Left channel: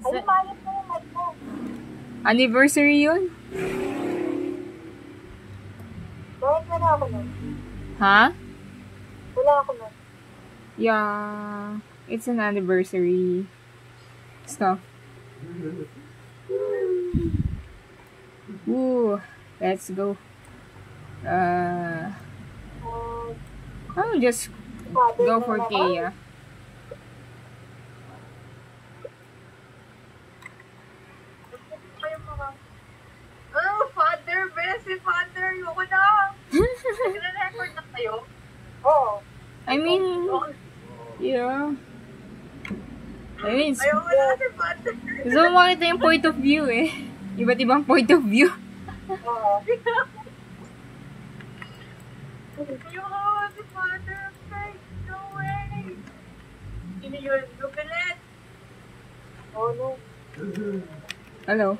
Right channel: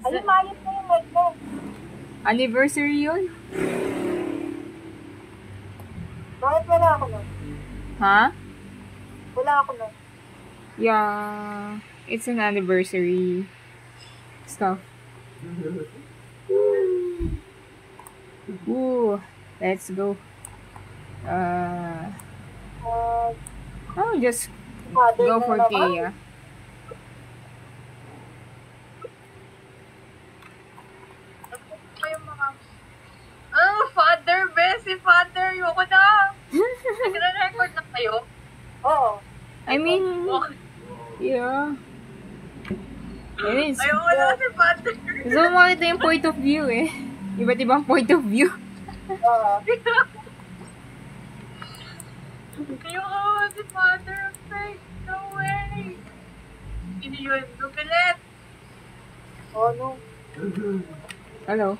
Ayun, maayos na yung mic mo. Anniversary yun? Bakit wala ako na? Ha? Wala ako na. Yeah. It's an anniversary stuff. Ooh. Let's go. I'll just go for Kea. Oh, father, Bessie, father, yoko na. Nagre-record na kayo? Oo. I mean, yeah. I mean, Ayoko na si father. gusto mo makita yung point of view eh. Iba't ibang point of view. Ayoko na si father. No way. Sino yun? Lupilet. Oh, no. Hello.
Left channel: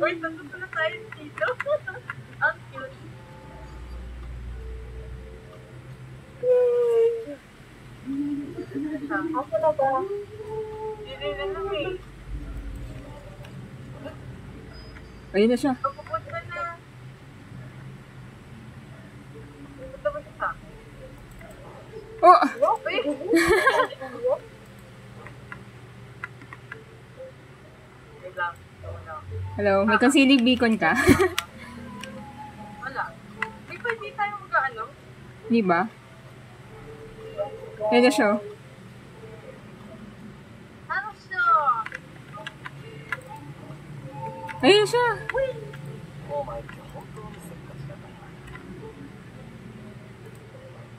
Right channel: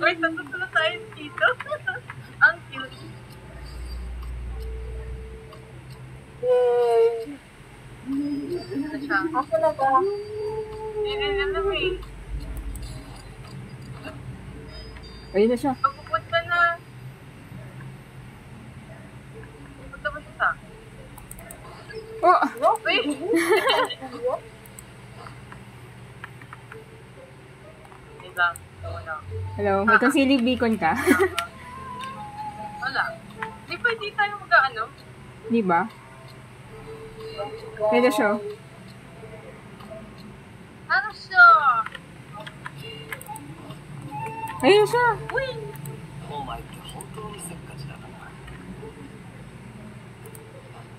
Wait, nandun na tayo dito. Ang cute. Yay! Ano siya? Ako na ba? Hindi na eh. Ayun na siya. Pupunta na. Pupunta ba siya sa akin? Oh! Wait! Wait lang. Wala. Hello, may concealing beacon ka? Wala. Di ba di tayo mag-ano? Di ba? Ayun na siya. Ano siya? Ayun na siya. Uy!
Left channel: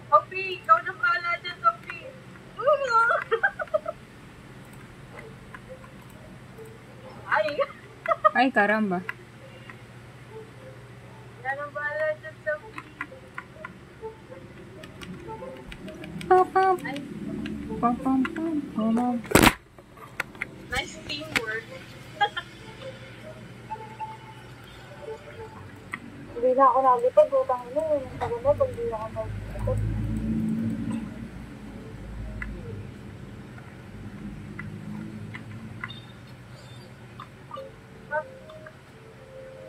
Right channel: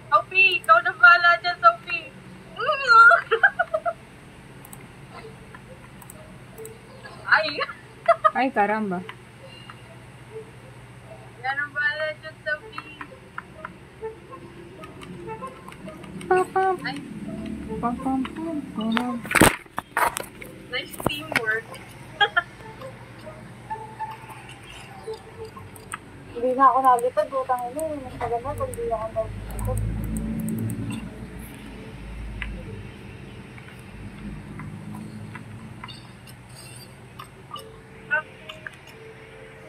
Sophie, ikaw na pala dyan, Sophie. Ay! Ay, karamba. Yan ang pala dyan, Sophie. Pam, pam, Ay, pam, pam, pam, pam. nice teamwork. Hindi na ako nalipad. Butang ina yun. Ang paganda pag hindi na ako nalipad.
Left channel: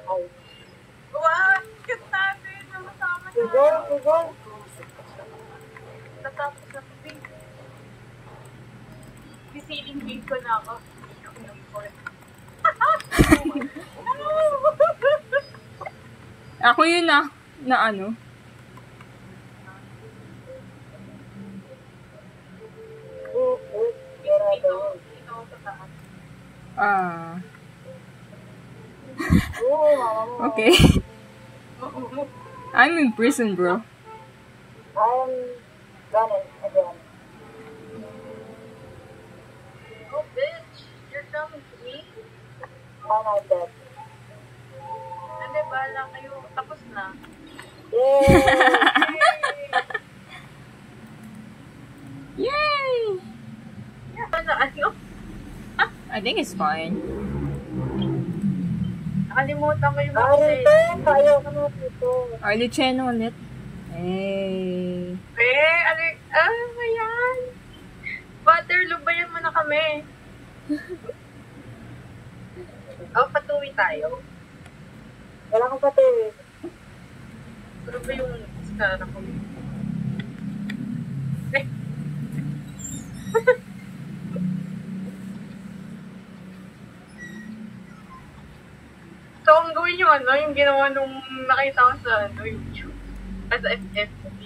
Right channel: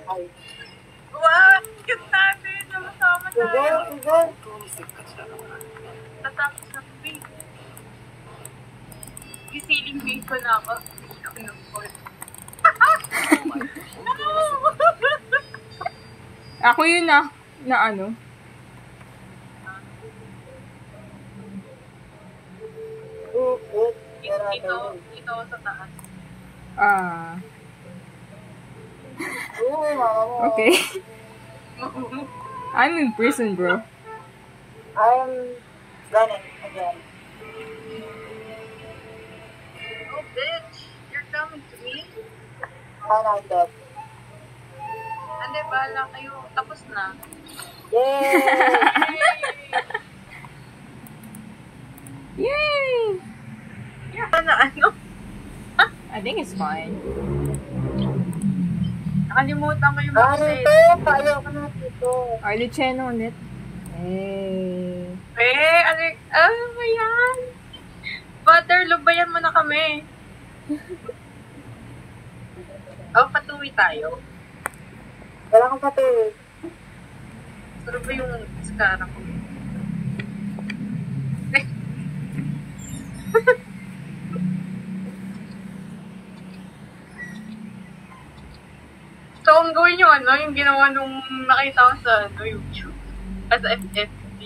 Ay. Wow! Cute natin! Namasama Sige, tayo. sige. Tatapos na free. Gisiling base ko na ako. Ako ng phone. Ako yun na ano. Dito sa taas. Ah, Yun yun ako. okay. I'm in prison, bro. I'm running again. Oh, bitch! You're coming to me? I'm not dead. Ande, bahala kayo. Tapos na. Yay! Yay! Ano? I think it's fine. Nakalimutan ko yung Ari, message. ayaw ka na dito. Arlie Chen ulit. Hey. Ano ba yan? Father, lubayan mo na kami. Patuwi tayo. Wala kang pati. Ano ba yung iskara ko? So, ang gawin yung yung ginawa nung nakita ko sa YouTube. As FFB.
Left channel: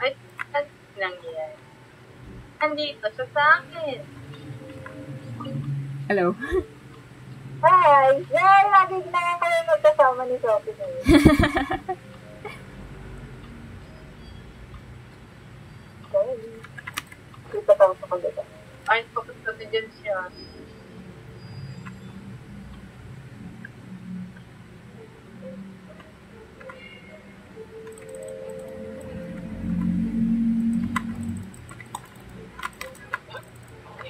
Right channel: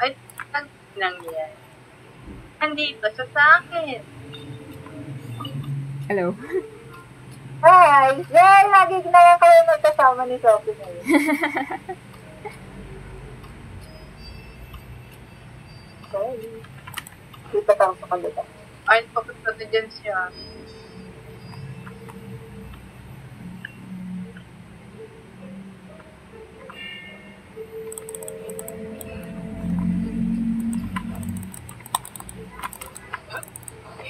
Ay, ano nangyayari? Andito siya sa akin. Hello. Hi! Yay! Lagi naman kayo magkasama ni Sophie ngayon. Okay. Kita tayo sa kalita. Ay, papunta na dyan siya.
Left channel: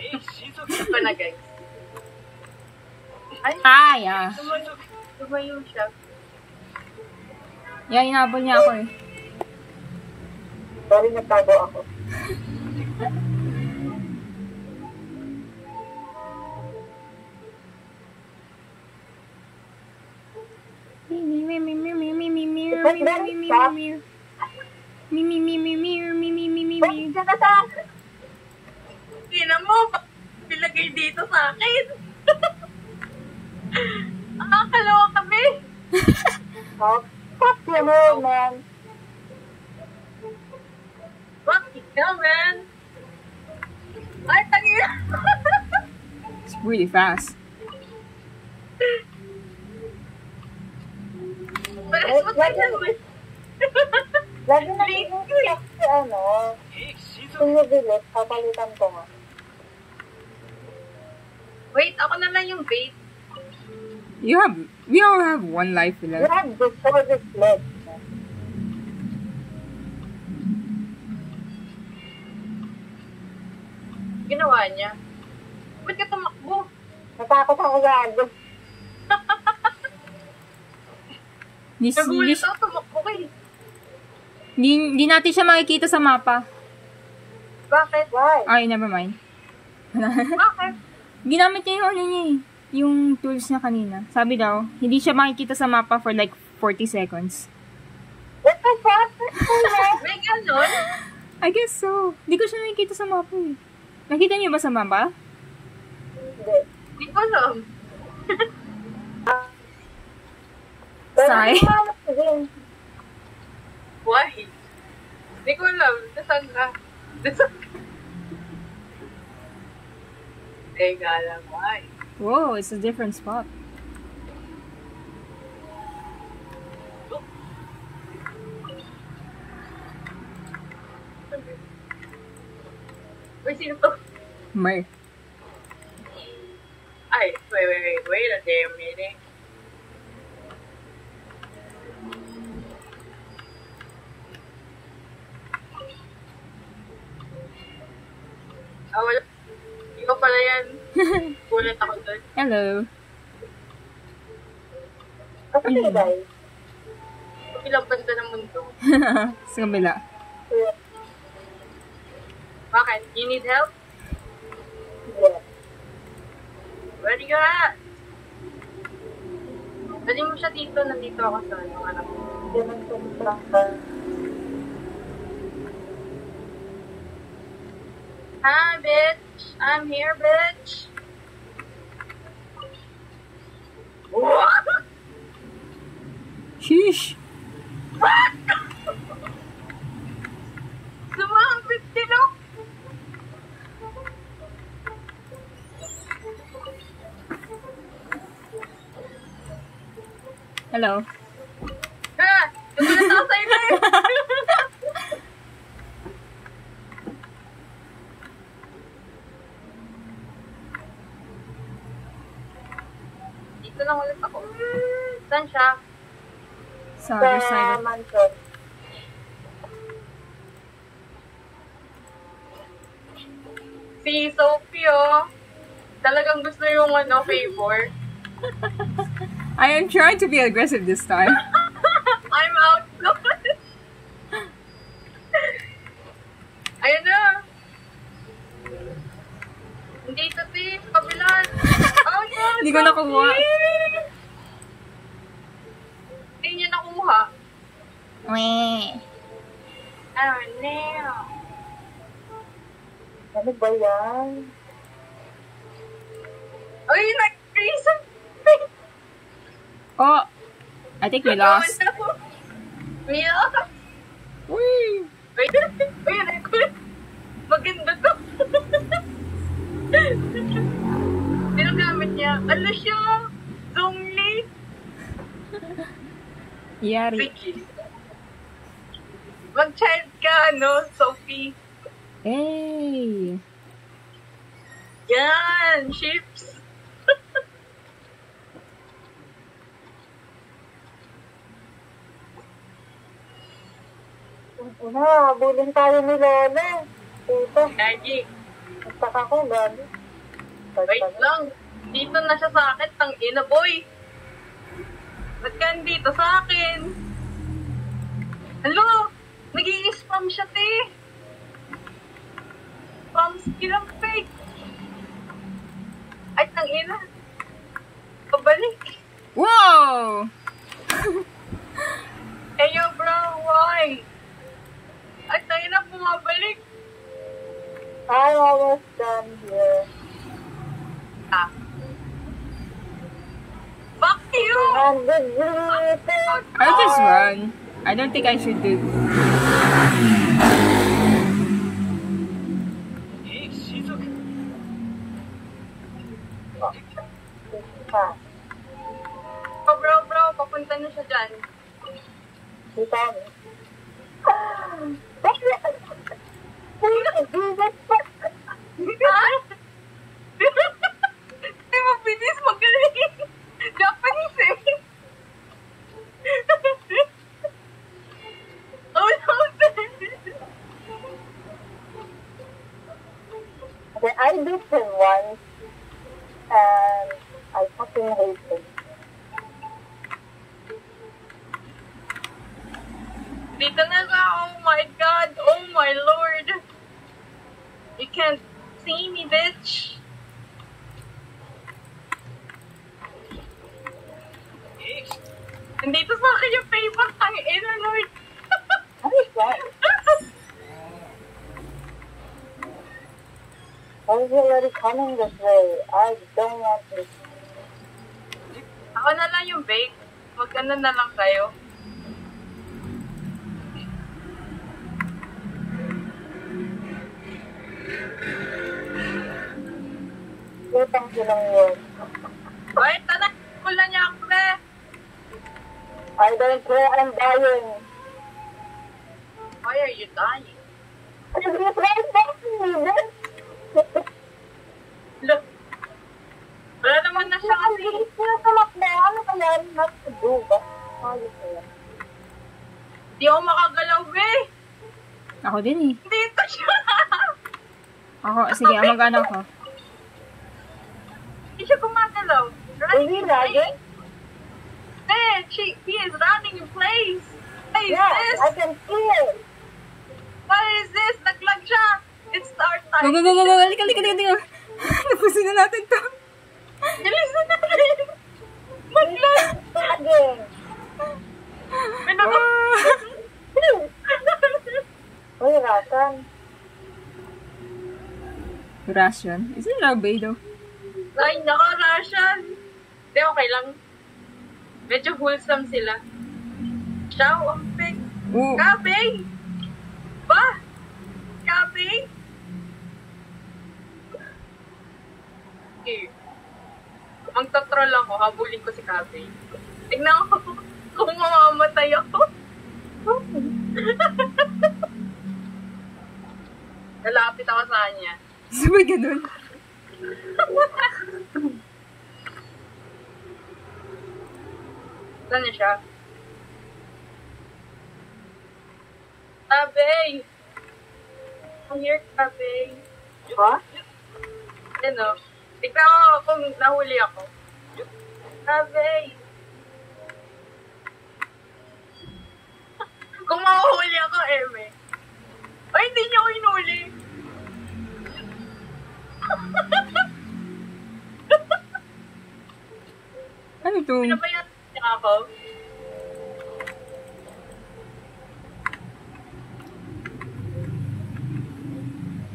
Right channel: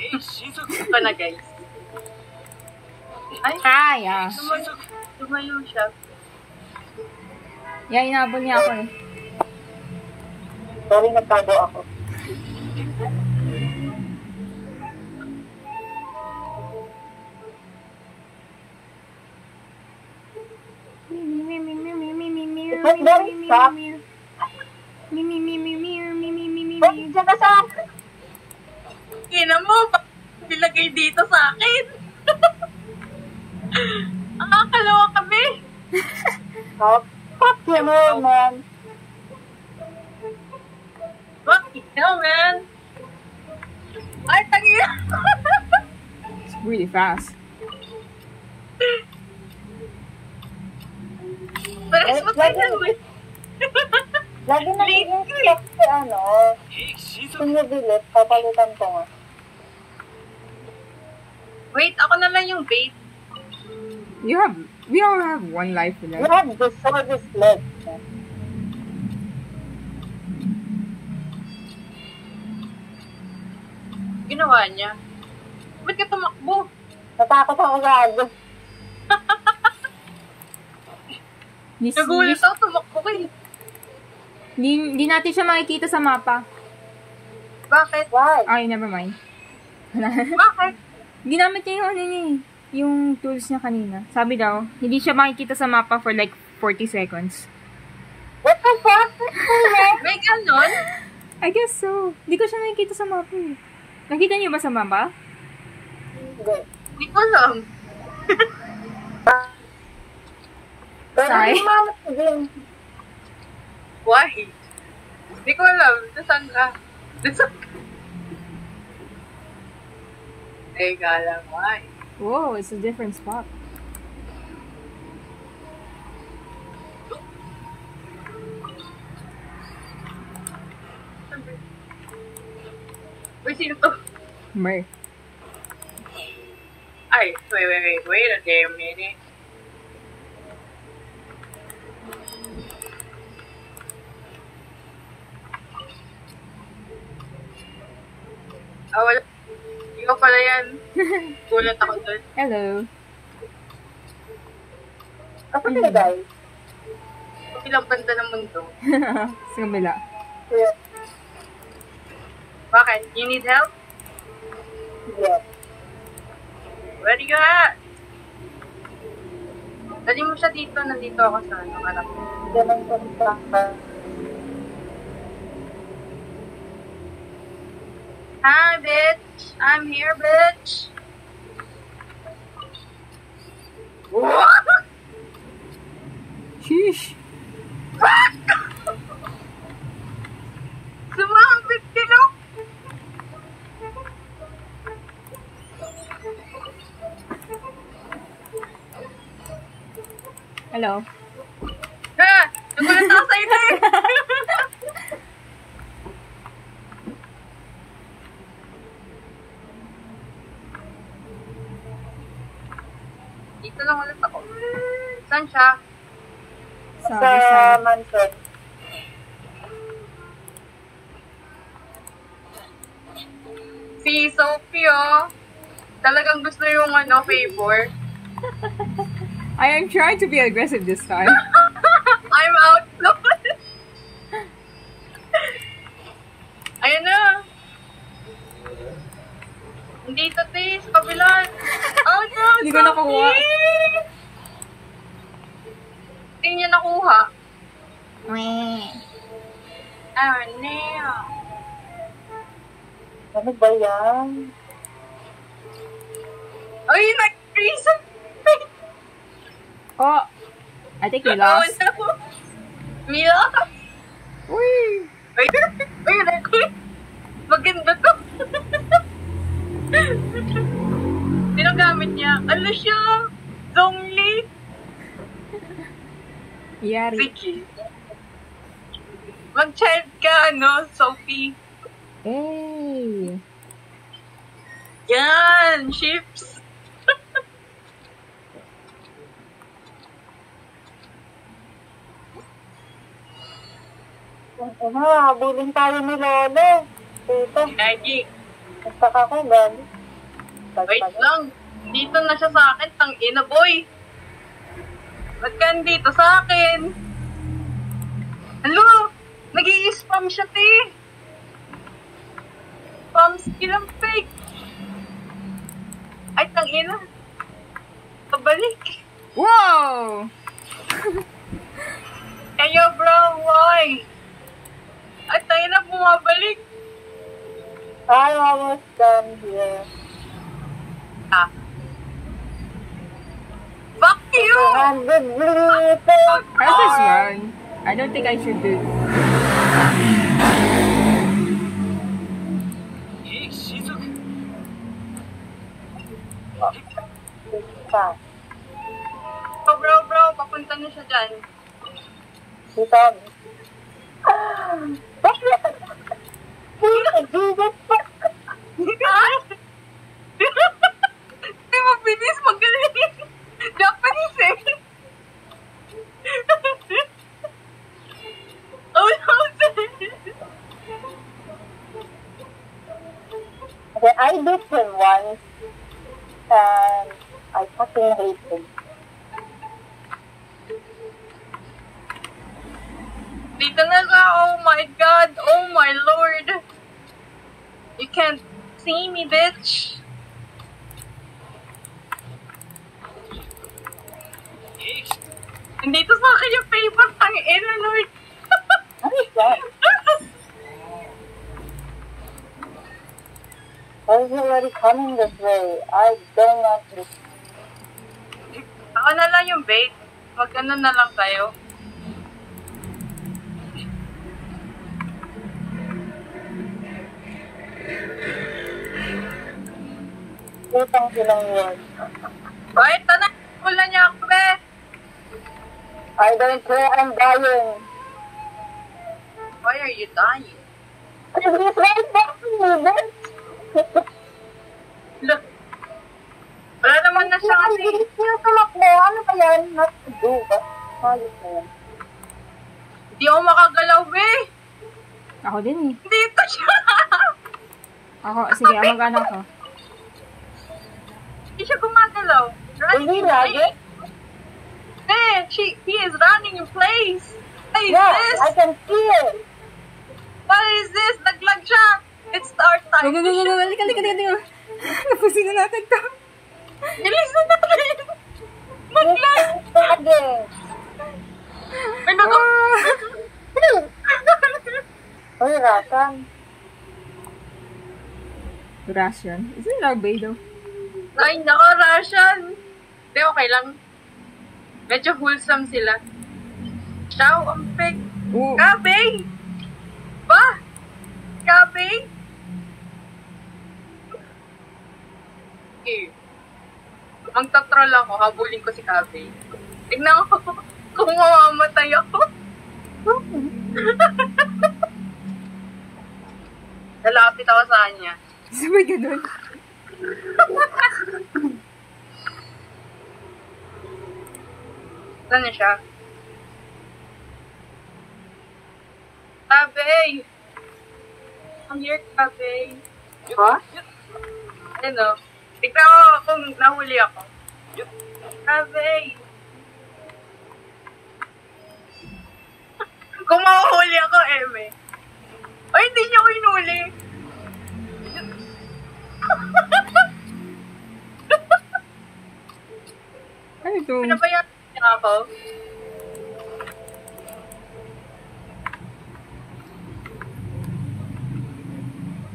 Ito na, guys. Ay, Yeah. tumayo siya. Yeah, inabol niya ako eh. Sorry, nagtago ako. meow. Me, me, me, me, me, me, me, me, me, me. Diyan ka sa... Ina mo, bilagay dito sa akin. Ang kakalawa kami. Oh, fuck you, man. What the hell, man? Ay, tangina. It's really fast. Pero mas matay mo. Lagi na yung si ano, pinibilit, papalitan ko nga. Wait, ako na lang yung bait. We all have one life You left. have the shortest leg. Ginawa niya. Ba't ka tumakbo? Natakot ako gago. Nagulat ako, tumakbo ka eh. Hindi natin siya makikita sa mapa. Bakit? Why? Ay, never mind. Bakit? Ginamit niya yung ano niya eh. Yung tools niya kanina. Sabi daw, hindi siya makikita sa mapa for like 40 seconds. What the fuck? May ganon? I guess so. Hindi ko siya nakikita sa mapa eh. Nakita niyo ba sa mapa? Hindi. Hindi ko alam. Sigh. Why? Hindi ko alam. Nasaan ka? Nasaan ka? Teka lang, ay. Whoa, it's a different spot. Uy, sino to? Mer. Ay, wait a damn minute. Ah, wala. Ikaw pala yan. Gulat ako dun. Hello. Ako sila guys. Ilang banda ng mundo. Sa kabila. Yeah. Bakit? You need help? Yeah. Ready ka nga? Dali mo siya dito. Nandito ako sa anak ko. Ganun sa sa. Hi, bitch. I'm here, bitch. Sheesh. Sumambit sila. Hello. Ha! Nagulat ako sa ito eh. Dito lang ulit ako. Saan siya? Sa other side. Manfred. Si Sophie, oh. Talagang gusto yung ano, favor. I am trying to be aggressive this time. I'm out. Ayun na. Dito, Tis. Kabilan. Oh, no. Hindi ko nakuha. Sophie! Hindi niya nakuha. Weh. Oh, no. Ano ba yan? Ay, nag-freeze. Oh, I think we lost. Mila? Wee. Ay, maganda to. Sino gamit niya? Ano siya? Zongli? Yari. Vicky. Mag-child ka, ano, Sophie. Hey. Yan, chips. Habulin tayo ni Lolo. Tita, Maggie, nagtaka ka, gago. wait lang. Dito na siya sa akin, tang ina boy. Ba't ka dito sa akin? Hello? Nag-i-spam siya, te. Spam skill ang fake. Ay, tang ina. Pabalik. Whoa! Hey, yo, bro. almost done here. Ah. Fuck you! 200 liters. I'll just run. I don't think I should do. Bro, papunta na siya dyan. Kita mo. Jesus fuck. Di mo bilis magaling. Japanese eh. Oh no, Okay, I did him once. And I fucking hate him. dito na ka. Oh my god. Oh my lord. You can't see me, bitch. Nandito sa akin yung paper. Tangina, lord. What is that? I was already coming this way. I don't want this. Ako na lang yung bait. Mag-ano na lang kayo. Utang silang yun. Wait, tanak. Wala niya ako, be. I don't care, I'm dying. Why are you dying? Because he's right next to me, then. Look. Wala naman na siya kasi. Ang bilis niya tumakbo. Ano ba yan? Not to do, but halos na yan. Hindi ako makagalaw, be. Ako din eh. Dito siya. Ako, sige, mag-ano ako. Hindi siya gumagalaw. Hindi lagi? Man, he is running in place. What is Yes, this? I can see it. What is this? Naglag siya. It's our Go, time. go, go, go, go. Halika. Napusin na natin to. Bilis na natin. Maglag. Lagi. Ano ba? Uy, Rasan. Ration. Is it Rabay though? Ay, nako, Russian. Hindi, okay lang. Medyo wholesome sila. Ciao, ang pig. Oo. Kabing! Ba? Kabing? Okay. Ang tatrol ako, habulin ko si Kabing. Tignan ko kung mamamatay ako. Nalapit ako sa kanya. Sabay ganun. Saan na siya? Kabing! Come here, Kabing. Ha? Ano? Tignan ko kung nahuli ako. Kabing! Kung mahuhuli ako, Eme. Ay, hindi niya ko inuli. Ano to? Pinabayaan niya ako.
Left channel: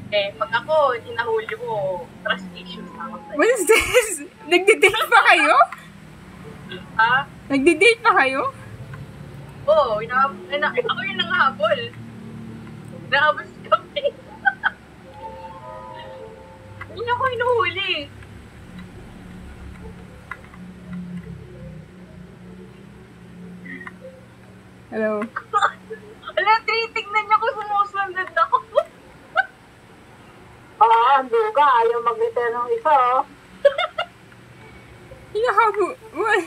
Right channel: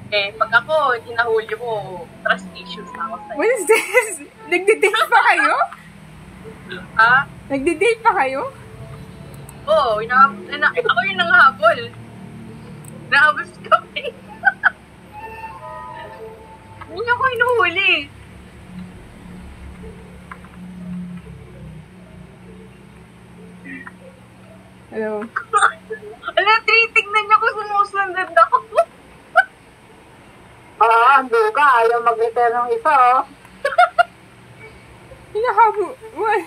Eh, pag ako, hinahuli ko, trust issues na ako sa'yo. What is this? Nagde-date pa kayo? Ah? Nagde-date pa kayo? Oo, ako yung nanghabol. Nahabol sa kami. Hindi niya ko hinuhuli. Hello? Ala, tinitignan niya ko sumusunod ako. Ang duga. Ayaw mag-return ng isa, oh. Hinahabo. What?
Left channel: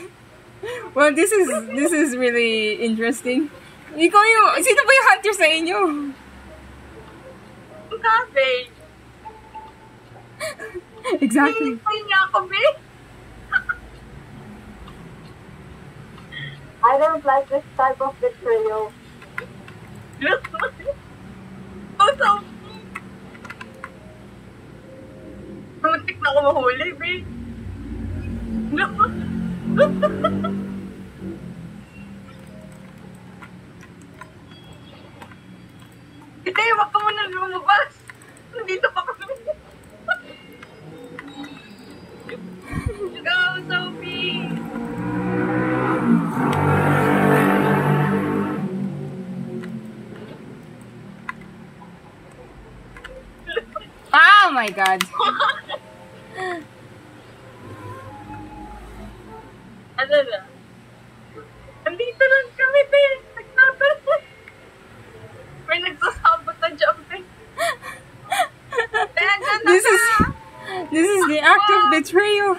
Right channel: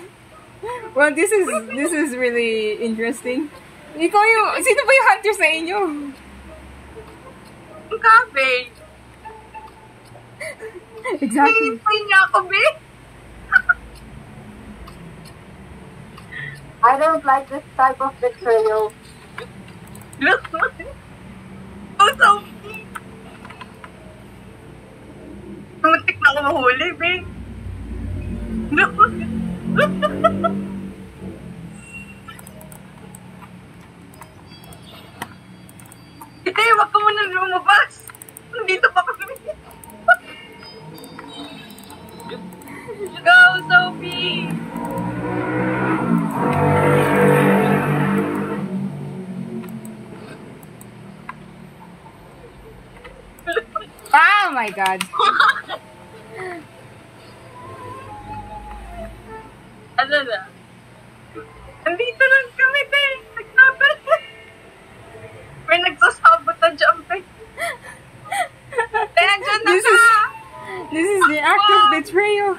Well, this is really interesting. Ikaw yung, sino ba yung hunter sa inyo? Ang kabe. Exactly. Hinihintay niya ako, be. I don't like this type of betrayal. Look. Oh, so muntik na ako mahuli, be. Look. Hindi, wag ka muna lumabas. Nandito pa kami. my god. Ano na? Andito lang kami, te. Nagtatal. May nagsasabot na jump, eh. Te, andyan na This ka! is the act of betrayal.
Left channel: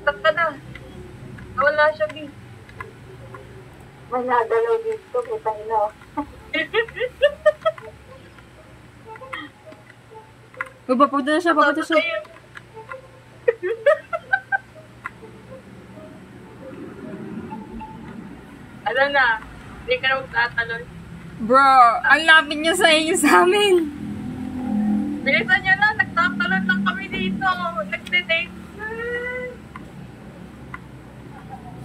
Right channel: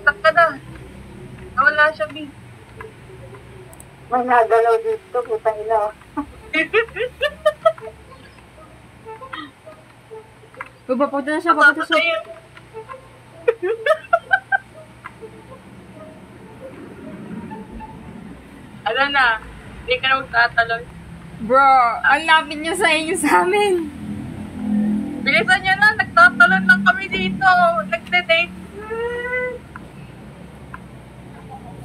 Tak ka na. Nawala siya, B. May nagalaw dito, puta nila. Papunta na siya, papunta siya. Ano na? Hindi ka na magtatalon. Bro, ang lapit niya sa inyo sa amin. Bilisan nyo na, nagtatalon lang kami dito. Nagde-date.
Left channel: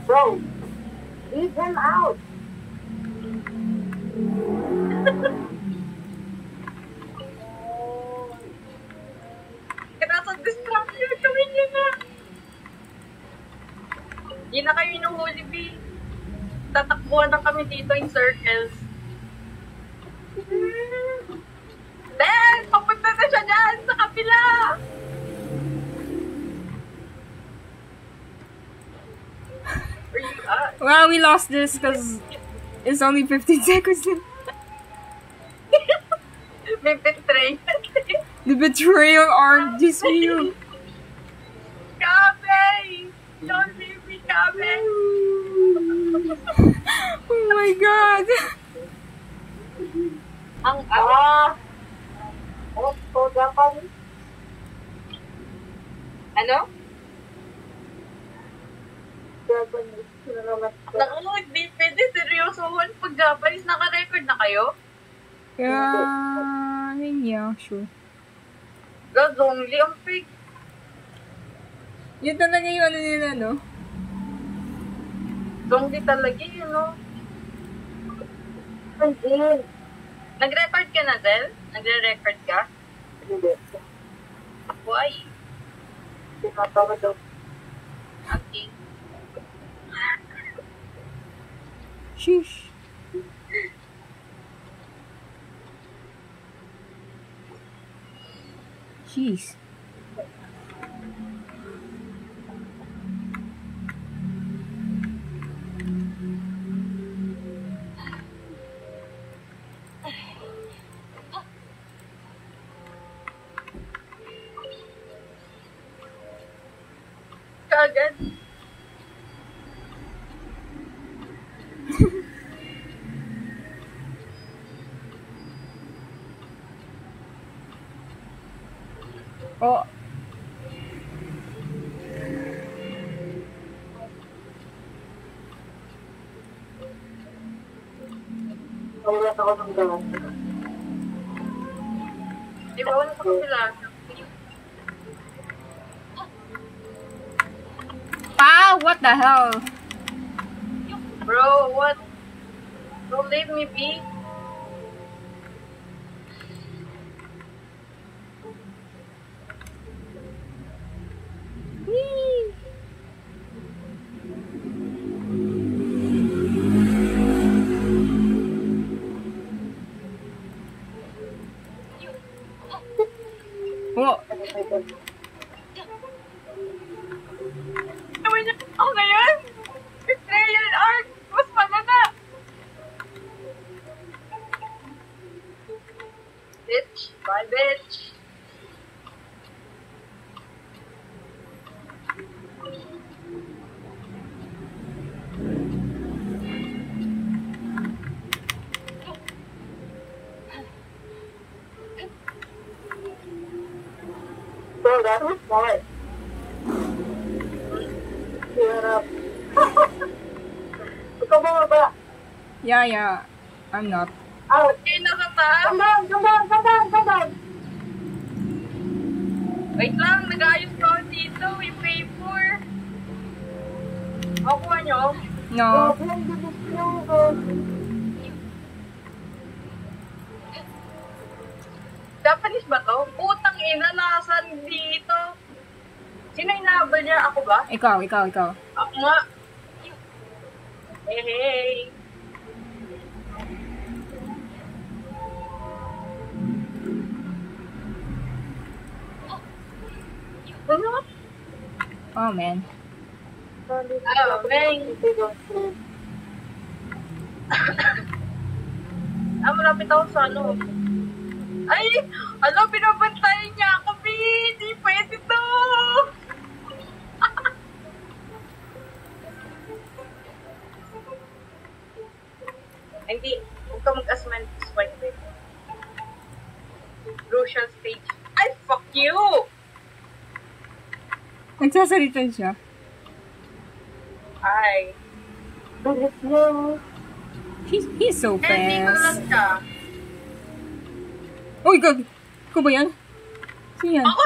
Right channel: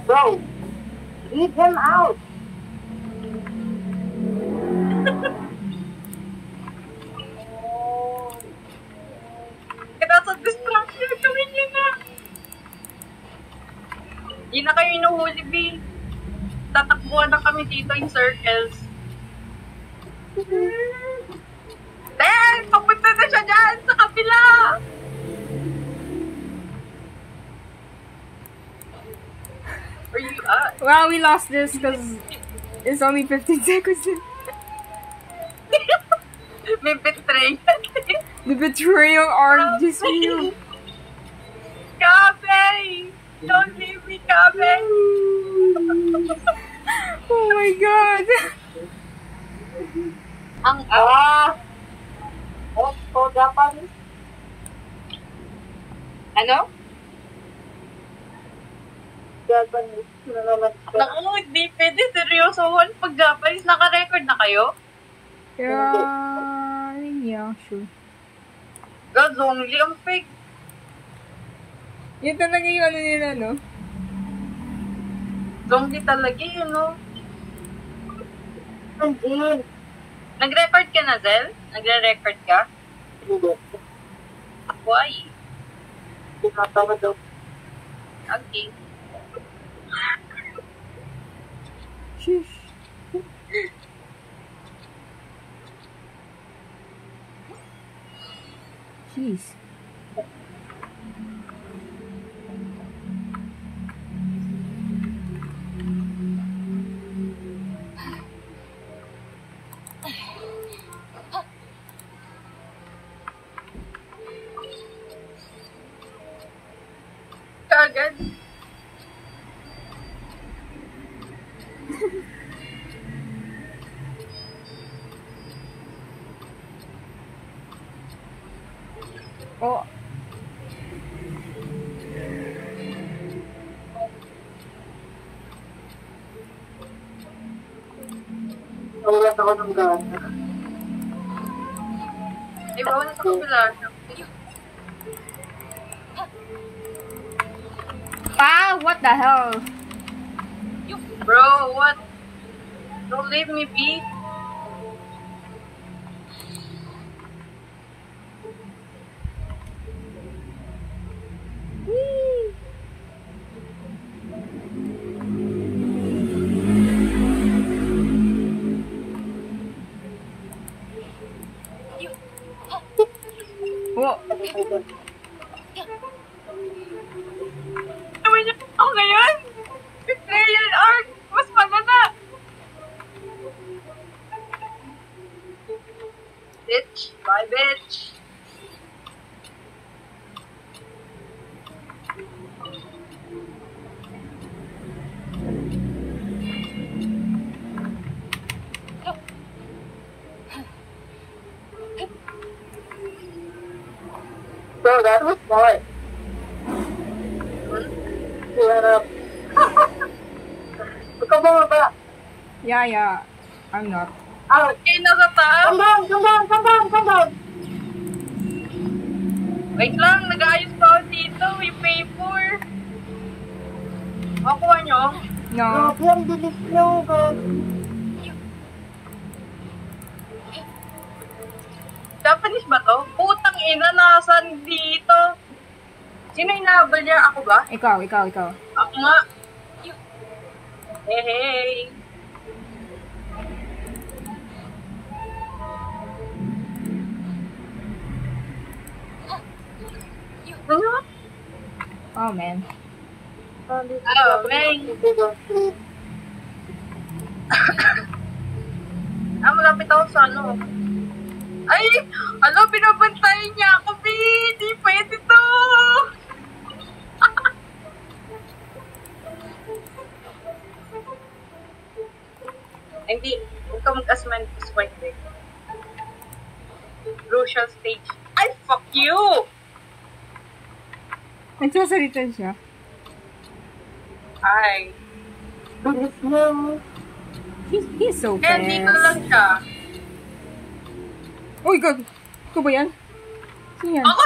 Bro, leave him out. Kaya sa distraction kami niya na. Hindi na kayo inuhuli, B. Tatakbuhan na kami dito in circles. Then, papunta na siya dyan sa kapila. Where you at? Well, we lost this because it's only 15 seconds. May betrayal. The betrayal arc is real. Kabe! Don't leave me, Kabe! Oh my god. Ang Oh, so Japanese. ano? Japanese. Sino naman siya? Naku, hindi pwede. Seryoso, pag Japanese, naka-record na kayo? Yeah, sure. God, only ang fake. Yun talaga yung ano nila, no? Zombie talaga yun, no? Hindi. Nag-record ka na, Del? Nagre-record ka? Hindi. Why? Tinatawag daw. Okay. Sheesh. Jeez. Kaagad. Oh, Nawalan ako ng gana. Di ba, wala sa kapila? what the hell? Bro, what? Don't leave me be. What? Gawin niyo ako ngayon? Betrayal arc! Mas malala! Bitch! Bye, bitch! So that was smart. Yeah. Ikaw ba? Yeah. I'm not. Out. Okay, nasa taas! Come down. Wait lang, nag-aayos pa ako dito. Yung paper. O, kuha nyo. No. Yan, delete mo. Japanese ba to? Putang ina, nasan dito? Sino inahabol niya? Ako ba? Ikaw. Ako nga. Hey! Ano? Oh, man. Oh, bang! Malapit ako sa ano. Ay! Ano, binabantayan niya ako, B! Di pwede to! Hindi, huwag ka mag-asman this point, eh. Crucial stage. Ay, fuck you! Nagsasalita siya. Ay. He's so Kaya dito lang fast. siya. Uy, gag! Ikaw ba yan? Sino yan? Ako!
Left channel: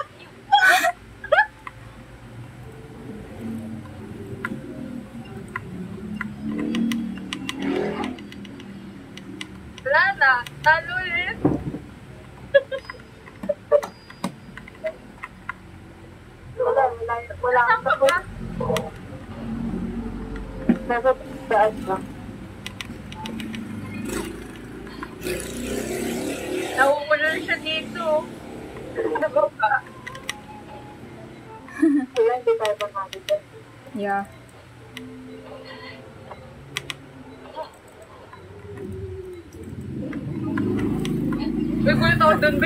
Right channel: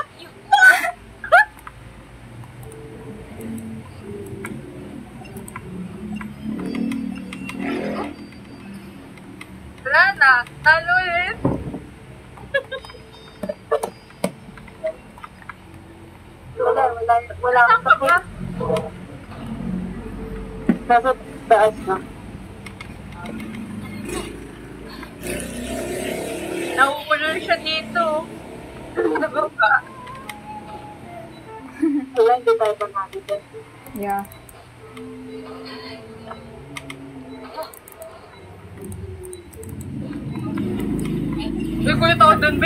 Wala na. Talo ulit. Wala Saan ka akong ba? nasa taas na. Nauulol siya dito. Ano ba? Wala, hindi tayo pumapit. Yeah. Uy, kulit ako dun, B.